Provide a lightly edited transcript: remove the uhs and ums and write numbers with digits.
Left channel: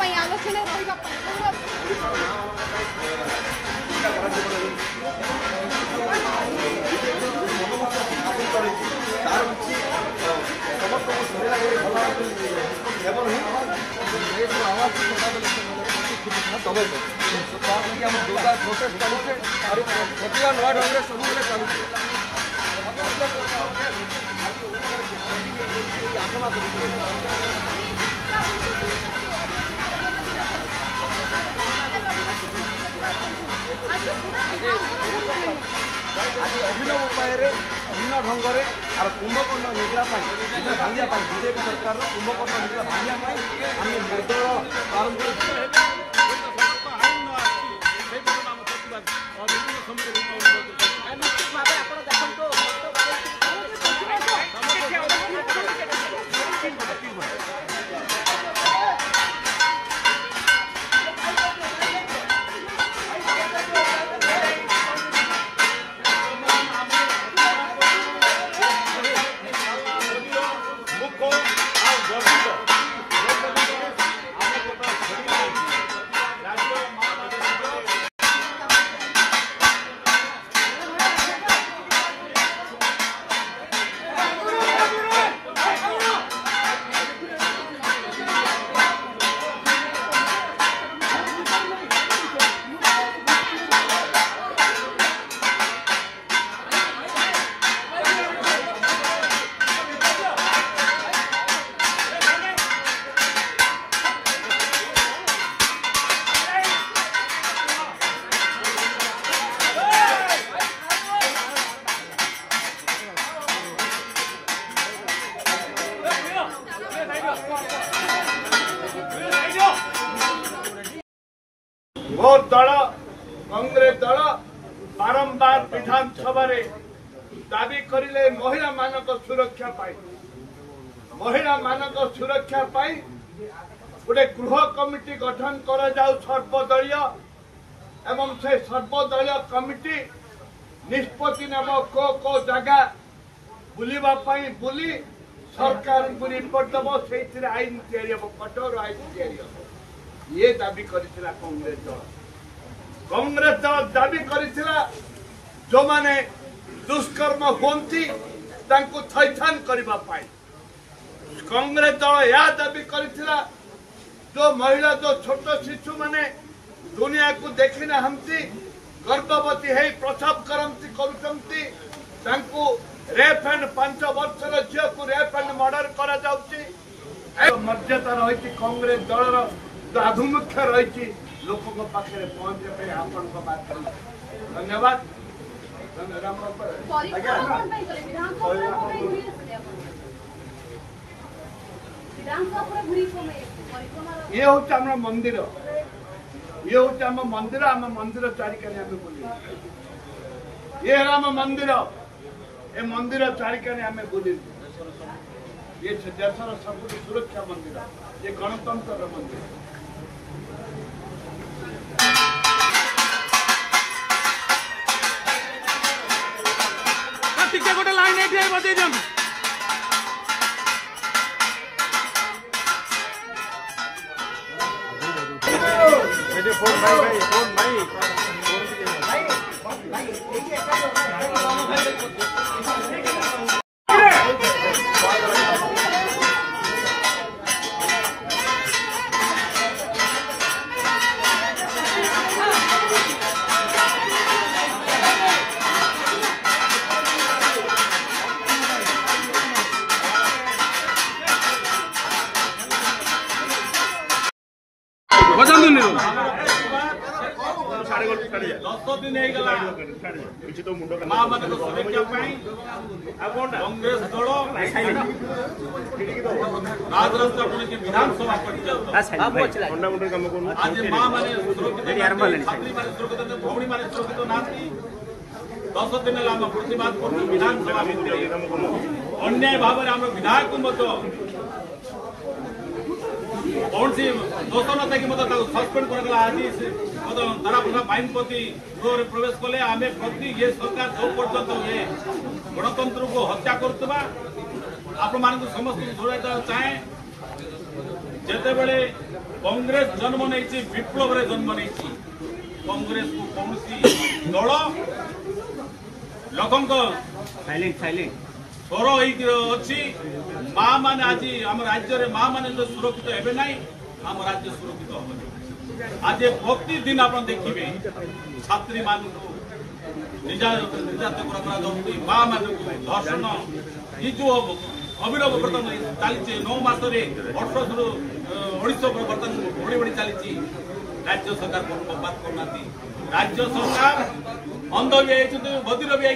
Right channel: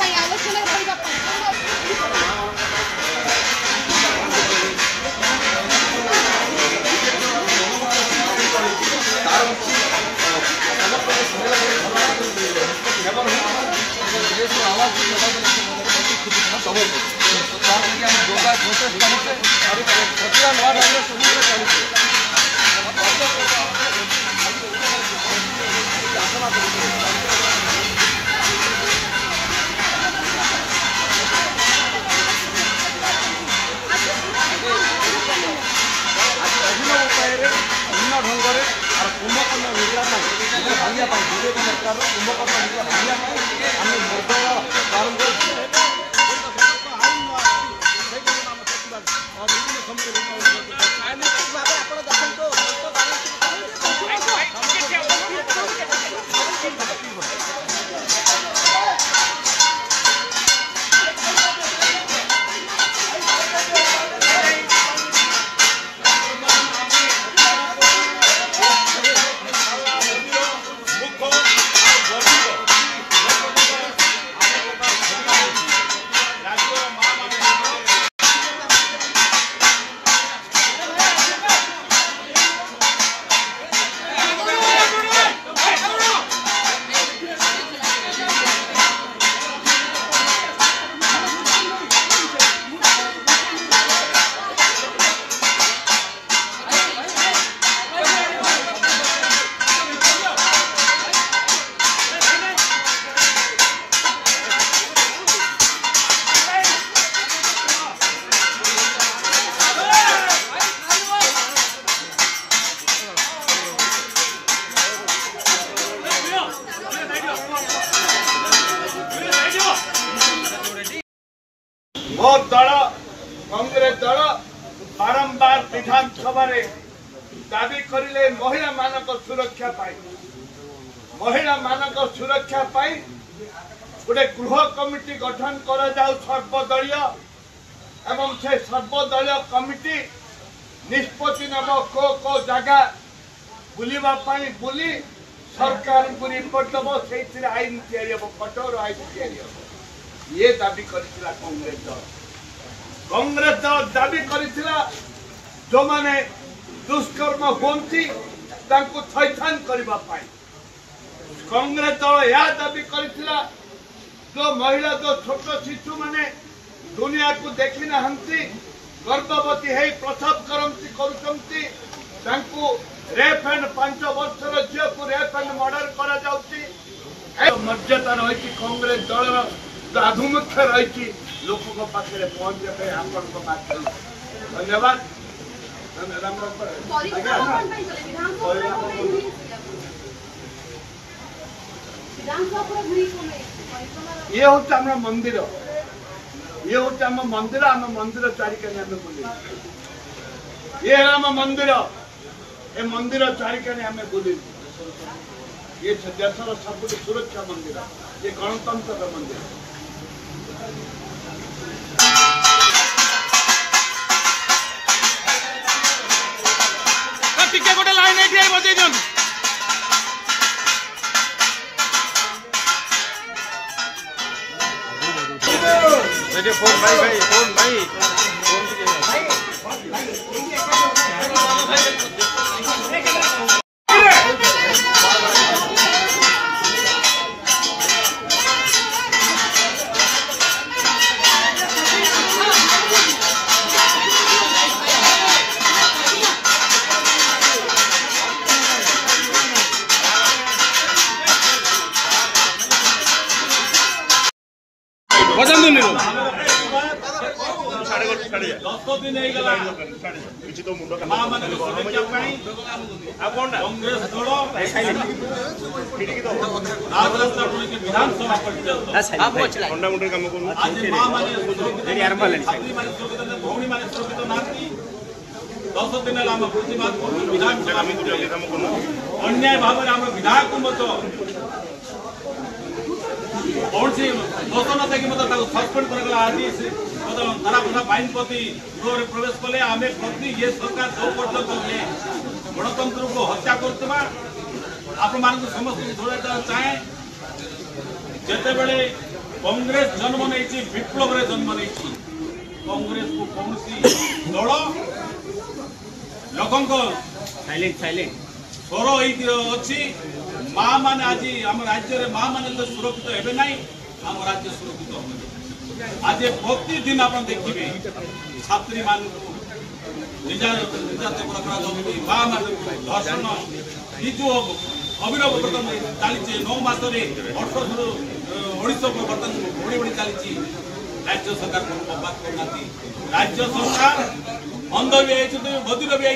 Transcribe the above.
आलोचना अभिनव उपाय भिन्न ढंग से और कुंभकर्ण निद्रा भांगा बीजेपी सरकार कुंभकर्ण निद्रा भांगा आम निर्दल प्रारंभ विभिन्न समय मो दल कांग्रेस दल बारंबार विधानसभा दाबी करिले महिला मानक सुरक्षा पाई गोटे गृह कमिटी गठन करा जाऊ सर्वदलीय एवं से सर्वदलीय कमिटी निष्पत्ति नब को जगह बुलिबा पाई बुली सरकार को रिपोर्ट दब से आईन तैयारी हम कठोर आईन तैयारी हम ये दाबी करिथिला कांग्रेस दल दाबी करिथिला जो माने दुष्कर्म होती तांको थैथान करबा पाई कांग्रेस दल या दाबी करिथिला जो महिला जो छोट शिशु माने दुनिया को देखि ना हंती गर्भवती है प्रसव करुचंती तांको रेप एंड 5 वर्षर झील को रेप एंड मर्डर करा जाउची मर्यादा रही कांग्रेस दल आधुमुख्य रही लोक पाखे पहुंचे आपण धन्यवाद ये हूँ आम मंदिर आम मंदिर चारिकानी आम बुले ये आम मंदिर ए मंदिर चारिकानी आम बुले ये देशर सब सुरक्षा मंदिर ये गणतंत्र मंदिर टिके गोटे लाइन बजे फोन भाई फोन भाई अन्याय भाव विधायक कौन सी दोष न थे कि सस्पेंड कर आज धारा प्रथा बाइन प्रति गृह प्रवेश कले आम प्रति ये सरकार जो पर्यंत ये गणतंत्र को हत्या करवा आप समस्त जोड़ा चाहे जिते बड़े कांग्रेस जन्म नहीं विप्लव रे जन्म नहीं कांग्रेस को कौन दल लोक स्वर अच्छी माँ मैंने आज आम राज्य माँ मैंने तो सुरक्षित हेबे ना आम राज्य सुरक्षित हम आज प्रतिदिन आप देखिए छात्री मान निर्यातक माँ मान धर्षण ये जो अविरल बर्तमान चली 9 मासरे 18 बर्तमान बढ़ी बढ़ी चली राज्य सरकार बात करना राज्य सरकार अंध भी बधिर भी